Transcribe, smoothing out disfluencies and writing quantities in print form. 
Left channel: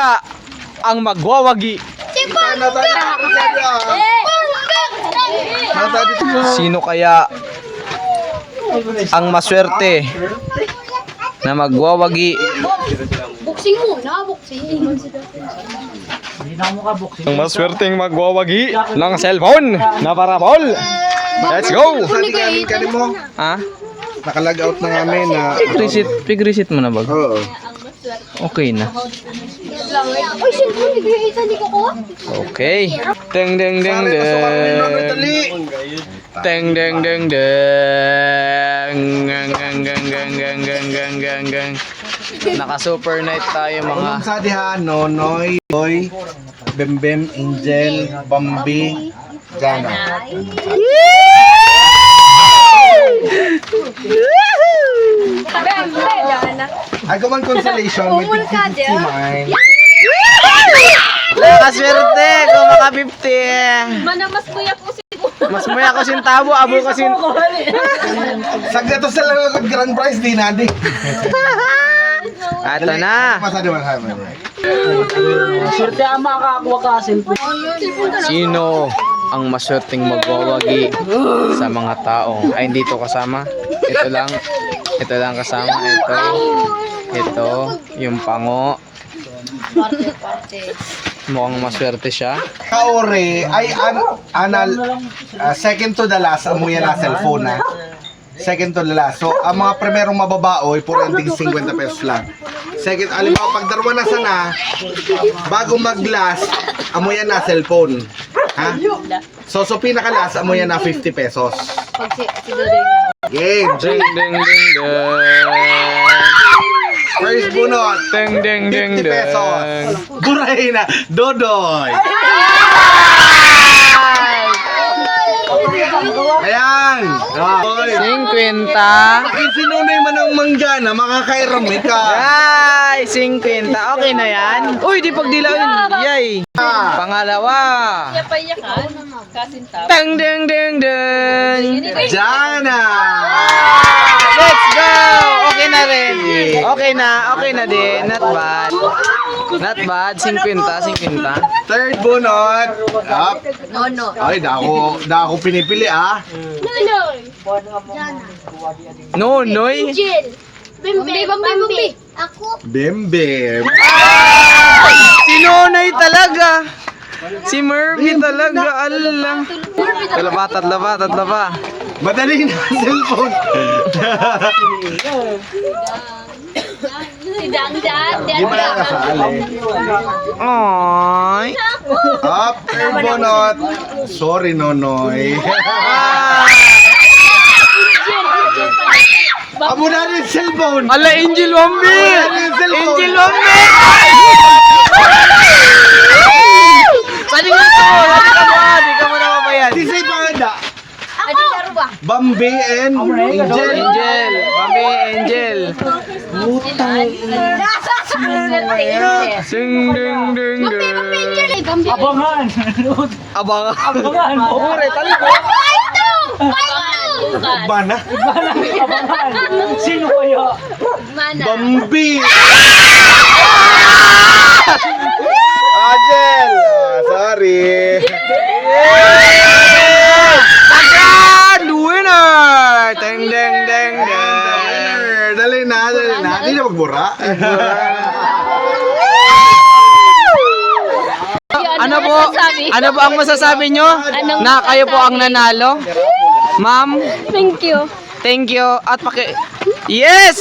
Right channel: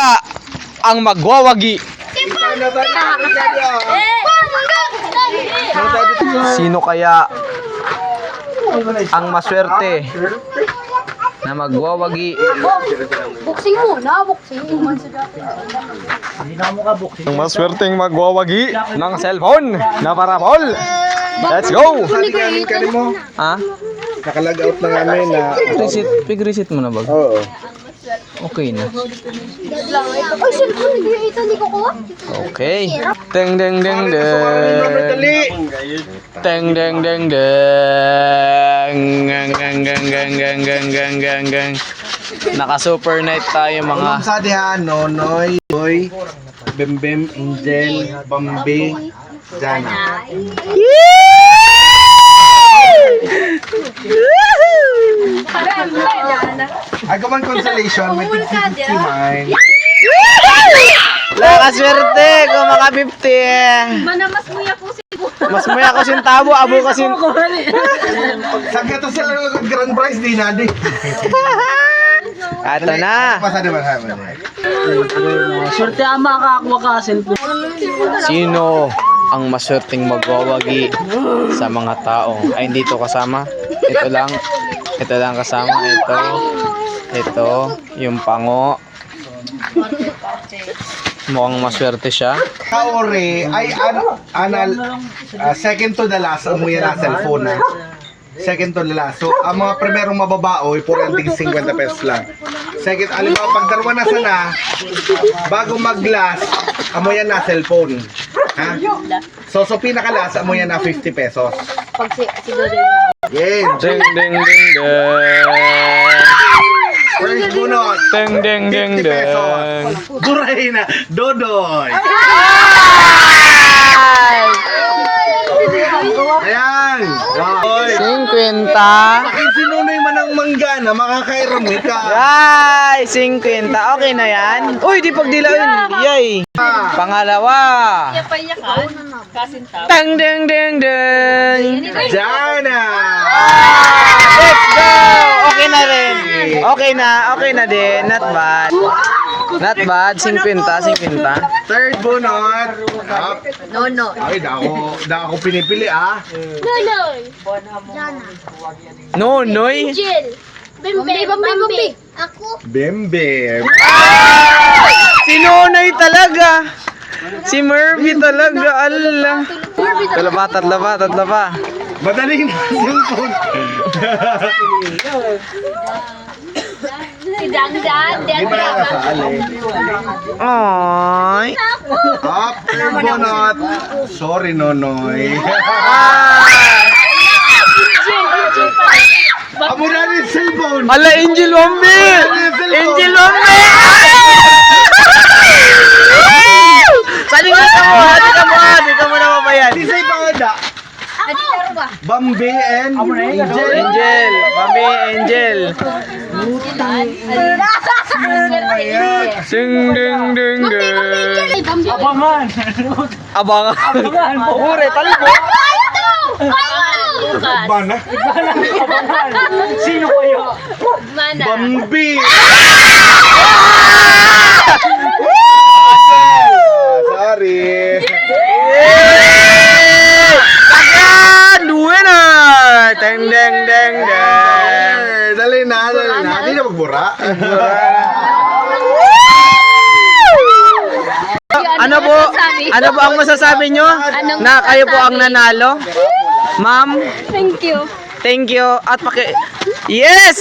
kaya ang magwawagi? Sino kaya ang maswerte na magwawagi? Boxing muna, boxing. Ang maswerteng magwawagi ng cellphone na parabol. Let's go! Ha? Nakalag out na namin na... Pig-reset mo na ba? Oo. Okay na. Ay, cellphone, nag-iita, hindi ko kuha. Okay. Deng deng deng deng. Deng deng deng deng. Gang gang gang gang gang gang gang gang gang. Naka super night tayo mga. Ulong sa diha, Nonoy, Boy, Bembem, Angel, Bambi, Jana. I go on consolation with 50 mine. Nakaswerte kung maka 50. Manamas mo ya po si Mas maya ko sintabo, abo ko sin. Sagya to sila ng grand prize di na di. Ato na. Pasado ba naman? Swerte ang makakakuha ka cellphone. Sino ang maswerteng magwawagi sa mga tao? Ay, hindi to kasama. Ito lang. Ito lang kasama. Ito. Yung pango. Mukhang maswerte siya. Kaore ay second to the last amoy na cellphone na. Second to the last. So, ang mga primerong mababaoy, puro yung tig 50 pesos lang. Second, alam mo, pag darwa na sana, bago mag-last, amoy na cellphone. Ha? So pinaka-last, amoy na 50 pesos. Pag si Dodoy na. Game! Ding ding ding ding. First bunot, Ding ding ding 50 pesos. ding. Buray na, Dodoy! Ayan! Dodoy! 50. Akin sinunoy man ang manggana, makakairami ka. Ay, 50. Okay na yan. Uy, di pagdilain. Yay. Pangalawa. Ding ding ding ding. Jana! Let's go. Okay na rin. Okay na din. Not bad. Not bad. 50. Third bunot. Up. No. Ay, da ako pinipili ah. Nonoy. Jill. Bambi. Ako. Bembe. Si Nonoy talaga. Si Murphy talaga. Allah. Laba. Madali na ang cellphone. Si Dan. Di ba na kasali? Ay. Up. Third bunot. Sorry, Nonoy. Amo na rin cellphone. Ala, Angel Wambi. Angel Wambi. Sali ka mo na mabayan. Di say pangada. Adi karo ba? Bambi and Angel. Angel, Bambi, Angel. Sing ding ding ding. Abangan! Abang. Abangan! Pahuri! Talibo! Bana. Abangan! Sino kaya? Bambi. Angel. Sorry. Sagad! Winner! Ding ding ding ding. Dali na. Di na magbura. Ano po ang masasabi nyo? Na kayo po ang nanalo? Ma'am? Thank you. Thank you. At Yes!